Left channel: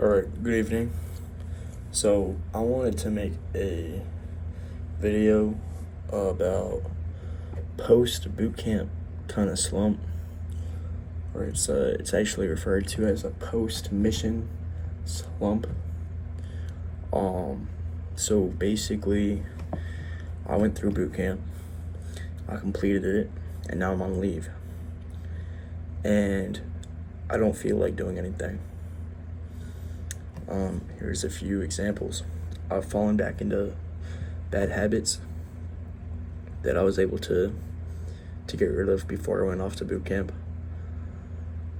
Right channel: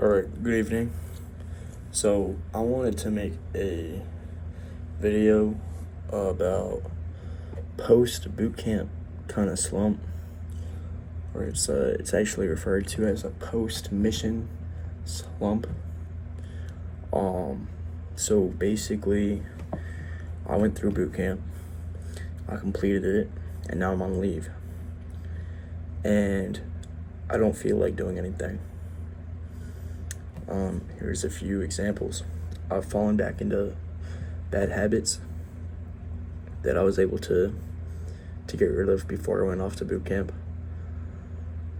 Alright, good evening. So, I wanted to make a video about post bootcamp kind of slump, or it's actually referred to as a post mission slump. So basically, I went through bootcamp, I completed it, and now I'm on leave, and I don't feel like doing anything. Here's a few examples. I've fallen back into bad habits that I was able to get rid of before I went off to boot camp.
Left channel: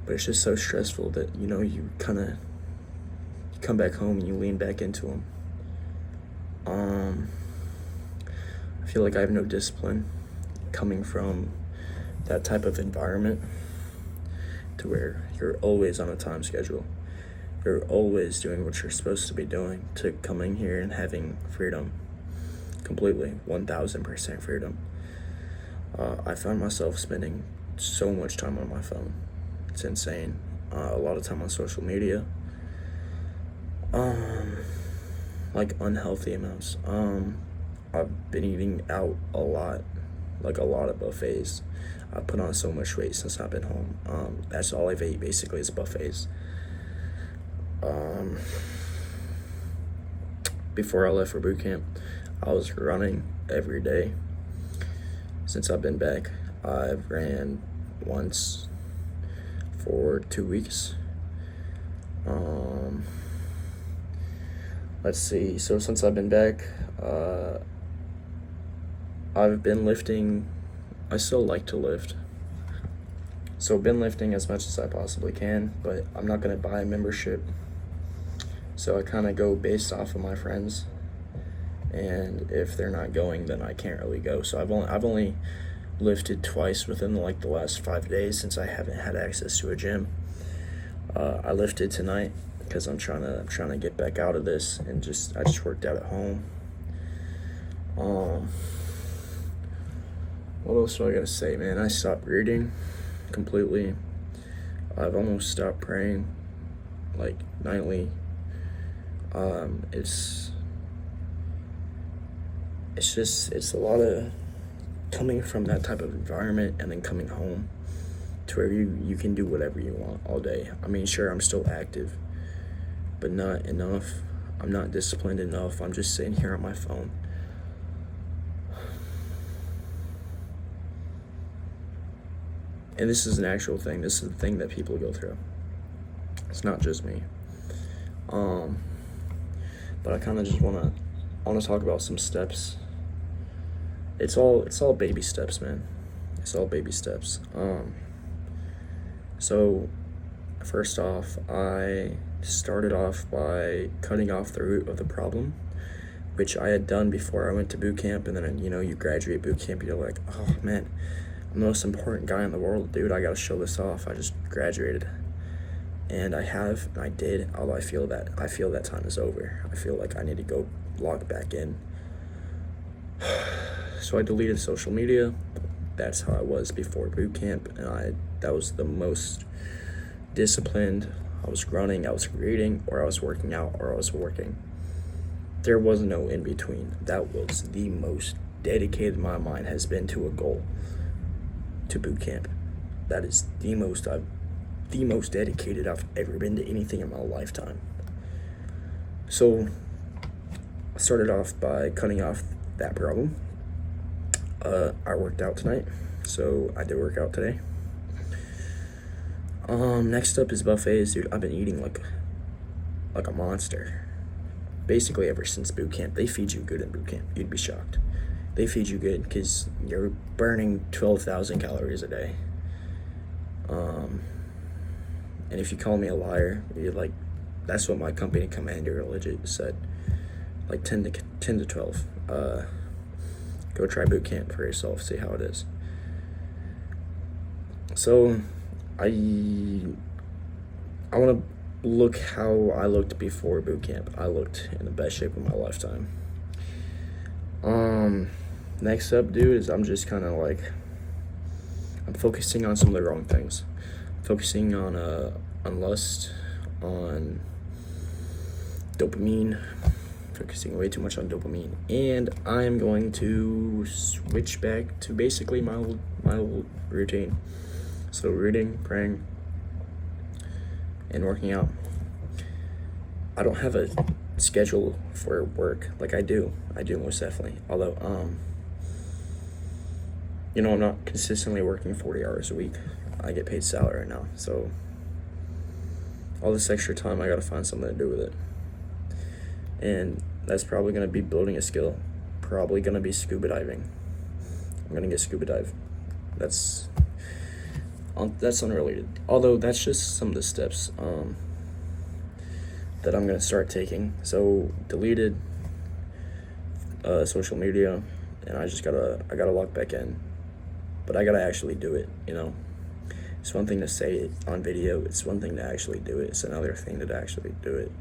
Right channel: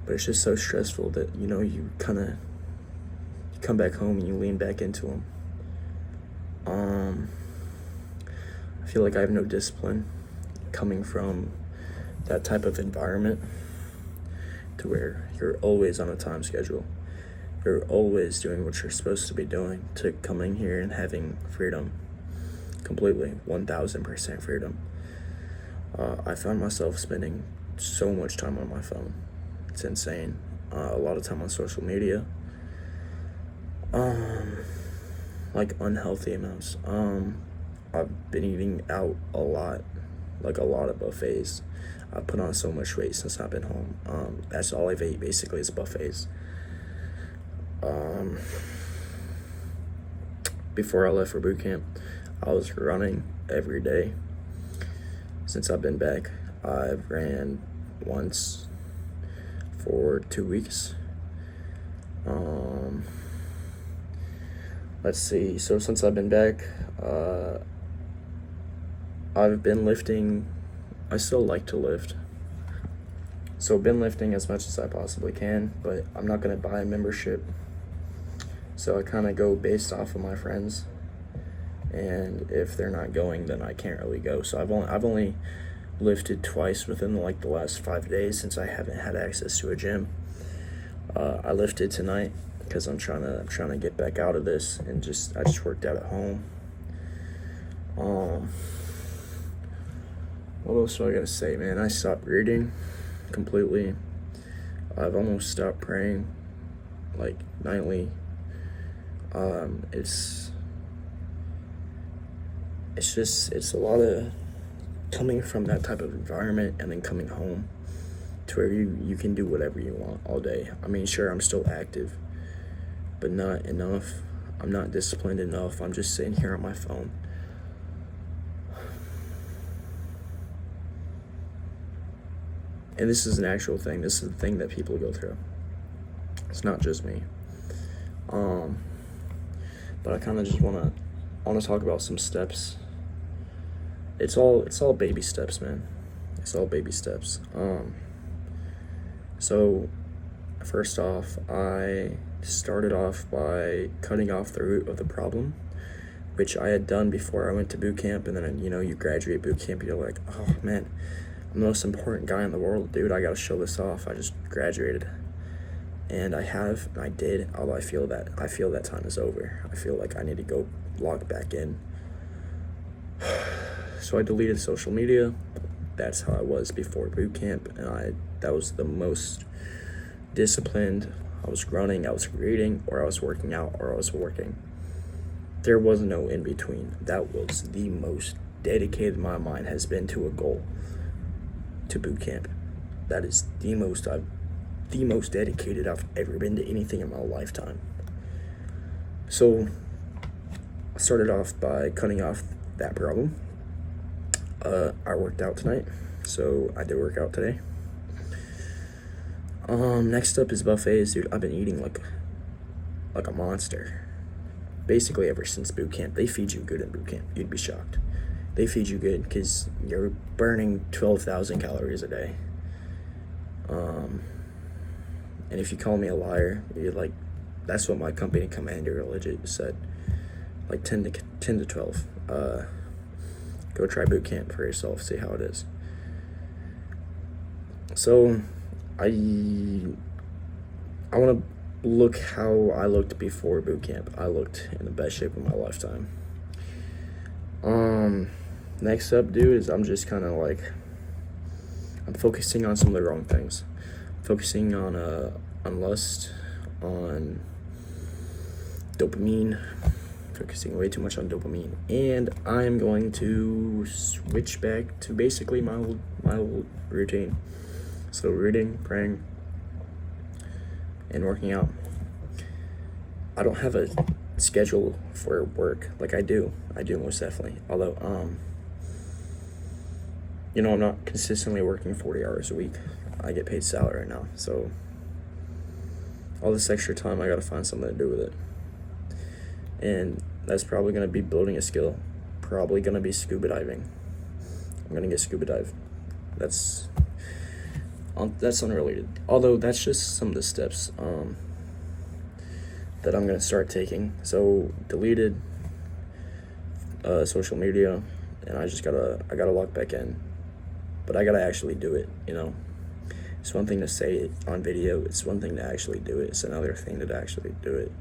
But it's just so stressful that, you kind of come back home and you lean back into them. I feel like I have no discipline coming from that type of environment to where you're always on a time schedule. You're always doing what you're supposed to be doing, to coming here and having freedom, completely, 1000% freedom. I found myself spending so much time on my phone. It's insane. A lot of time on social media. Like unhealthy amounts. I've been eating out a lot, like a lot of buffets. I put on so much weight since I've been home. That's all I've ate basically is buffets. Before I left for boot camp, I was running every day. Since I've been back, I've ran once for 2 weeks. Let's see, so since I've been back, I've been lifting. I still like to lift. So I've been lifting as much as I possibly can, but I'm not gonna buy a membership. So I kind of go based off of my friends, and if they're not going, then I can't really go. So I've only lifted twice within the last 5 days since I haven't had access to a gym. I lifted tonight because I'm trying to get back out of this, and I just worked out at home. What else do I gotta say, man? I stopped reading completely. I've almost stopped praying, like nightly. It's a lot of coming from that type of environment and then coming home to where you can do whatever you want all day. I mean, sure, I'm still active, but not enough. I'm not disciplined enough. I'm just sitting here on my phone. And this is an actual thing. This is a thing that people go through. It's not just me. But I kind of just want to talk about some steps. It's all baby steps, man. It's all baby steps. So first off, I started off by cutting off the root of the problem, which I had done before I went to boot camp. And then, you graduate boot camp, you're like, oh man, I'm the most important guy in the world, dude. I got to show this off. I just graduated. And I did, although I feel that time is over. I feel like I need to go log back in. So I deleted social media. That's how I was before boot camp, and that was the most disciplined. I was running, I was reading, or I was working out, or I was working. There was no in between. That was the most dedicated my mind has been to a goal, to boot camp. That is the most dedicated I've ever been to anything in my lifetime. So I started off by cutting off that problem. I worked out tonight, so I did work out today. Next up is buffets, dude. I've been eating like a monster. Basically ever since boot camp. They feed you good in boot camp. You'd be shocked. They feed you good because you're burning 12,000 calories a day. And if you call me a liar, you're like, that's what my company commander legit said. Like 10 to 12. Go try boot camp for yourself, see how it is. So I want to look how I looked before boot camp. I looked in the best shape of my lifetime. Next up, dude, is I'm just kind of like, I'm focusing on some of the wrong things. Focusing on lust, on dopamine, focusing way too much on dopamine, and I'm going to switch back to basically my routine. So reading, praying, and working out. I don't have a schedule for work like I do most definitely. Although I'm not consistently working 40 hours a week. I get paid salary right now, so all this extra time I gotta find something to do with it. And that's probably gonna be building a skill. Probably gonna be scuba diving. I'm gonna get scuba dive. That's unrelated. Although that's just some of the steps that I'm gonna start taking. So deleted social media, and I gotta log back in. But I gotta actually do it, It's one thing to say it on video, it's one thing to actually do it, it's another thing to actually do it.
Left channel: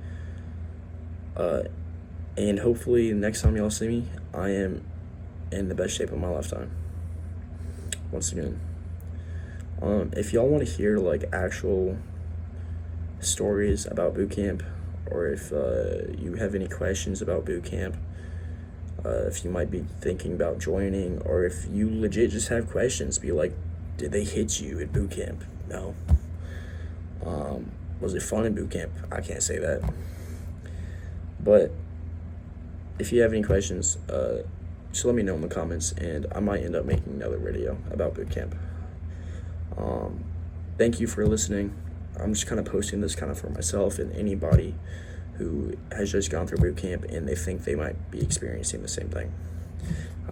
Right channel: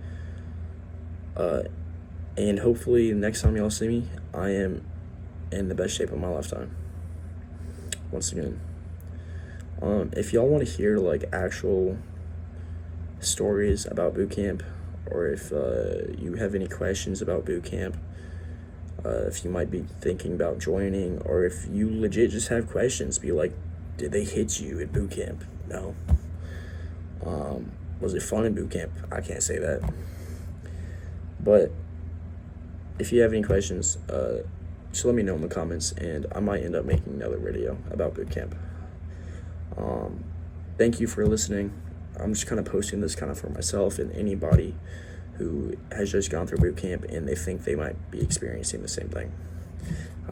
And hopefully next time y'all see me, I am in the best shape of my lifetime. Once again. If y'all want to hear like actual stories about boot camp, or if you have any questions about boot camp, if you might be thinking about joining, or if you legit just have questions, be like, did they hit you at boot camp? No. Was it fun in boot camp? I can't say that. But if you have any questions, just let me know in the comments, and I might end up making another video about boot camp. Thank you for listening. I'm just kind of posting this kind of for myself and anybody who has just gone through boot camp and they think they might be experiencing the same thing.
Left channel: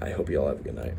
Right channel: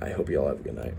I hope you all have a good night.